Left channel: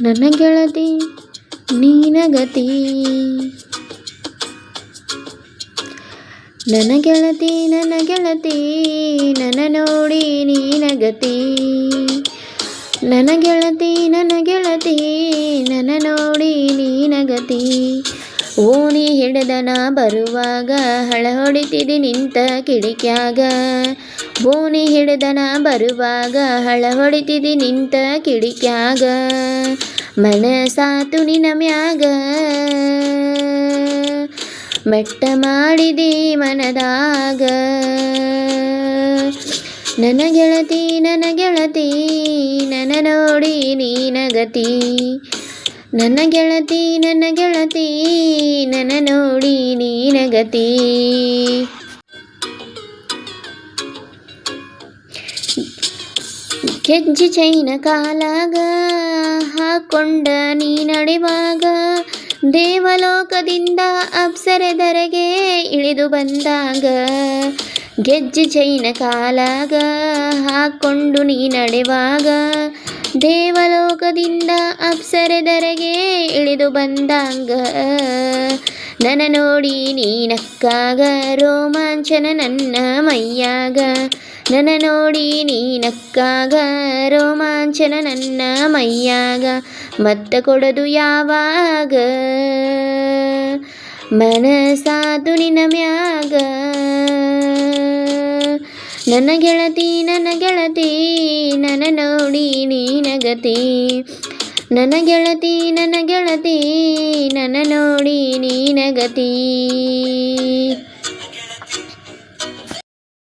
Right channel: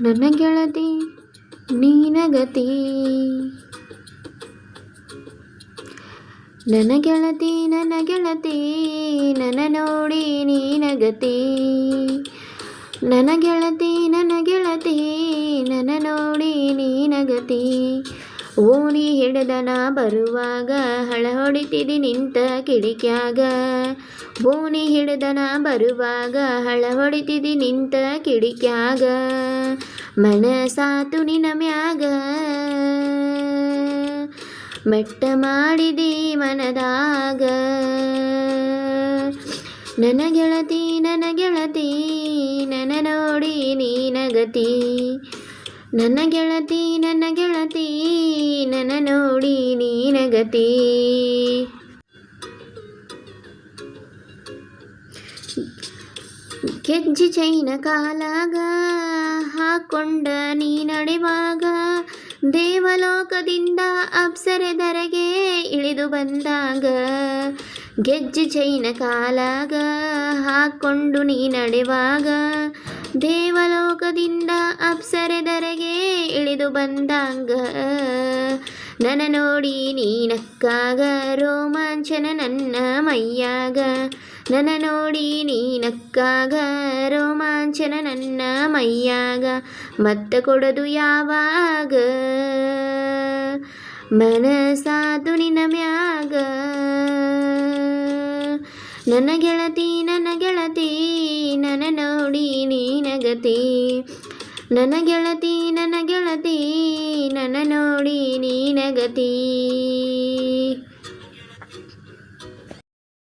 ನನ್ನ ಗೆಳತಿ ನೀನಗತಿ. ನನ್ನ ಗೆಳತಿ ನನ್ನ ನೋಡಿ ನೀನಗತಿ. ನನ್ನ ಗೆಳತಿ ನನ್ನ ನೋಡಿ ನೀನಗತಿ. ಓಣಿ ಹಿಡಿದನ ಬರುವಾಗ ಹಳ ಹೊಡಿತಿದಿ ನಿಂತ ಕಿಡಿಕ್ಯಾಗ. ಓಣಿ ಹಿಡಿದನ ಬರುವಾಗ ಹಳ ಹೊಡಿತಿದಿ ನಿಂತ ಕಿಡಿಕ್ಯಾಗ. ಮನಸಾತು ನಿನ ಮ್ಯಾಗ ಮೆಟ್ಟ ಮಾಡಿದಿ ಮನದಾಗ. ನನ್ನ ಗೆಳತಿ ನನ್ನ ನೋಡಿ ನೀನಗತಿ. ನನ್ನ ಗೆಳತಿ ನನ್ನ ನೋಡಿ ನೀನಗತಿ. ಗೆಜ್ಜೆ ಚೈನ ಕಾಲಾಗ ಹಾಕೊಂಡ ನೀ ನಡೆವಾಗ. ದೇವಲೋಕದಿಂದ ಅಪ್ಸರೆದರೆಗೆ ಇಳಿದು ಬಂದಾಗ. ಗೆಜ್ಜೆ ಚೈನ ಕಾಲಾಗ ಹಾಕೊಂಡು ನೀ ನಡೆವಾಗ. ದೇವಲೋಕದಿಂದ ಅಪ್ಸರೆದರೆಗೆ ಇಳಿದು ಬಂದಾಗ. ನನ್ನ ನೋಡಿ ನೀನಕ್ಕಾಗ ರೋಮಾಂಚನ ನನ್ನ ಮೈಯಾಗ. ನನ್ನ ನೋಡಿ ನೀನಕ್ಕಾಗ ರೋಮಾಂಚನ ನನ್ನ ಮೈಯಾಗ. ಮತ್ತ ಕೊಡದು ಯಾವಾಗ ಮನಸಾತು ನಿನ ಮ್ಯಾಗ. ನನ್ನ ಗೆಳತಿ ನನ್ನ ನೋಡಿ ನೀನಗತಿ. ನನ್ನ ಗೆಳತಿ ನನ್ನ ನೋಡಿ ನೀನಗತಿ.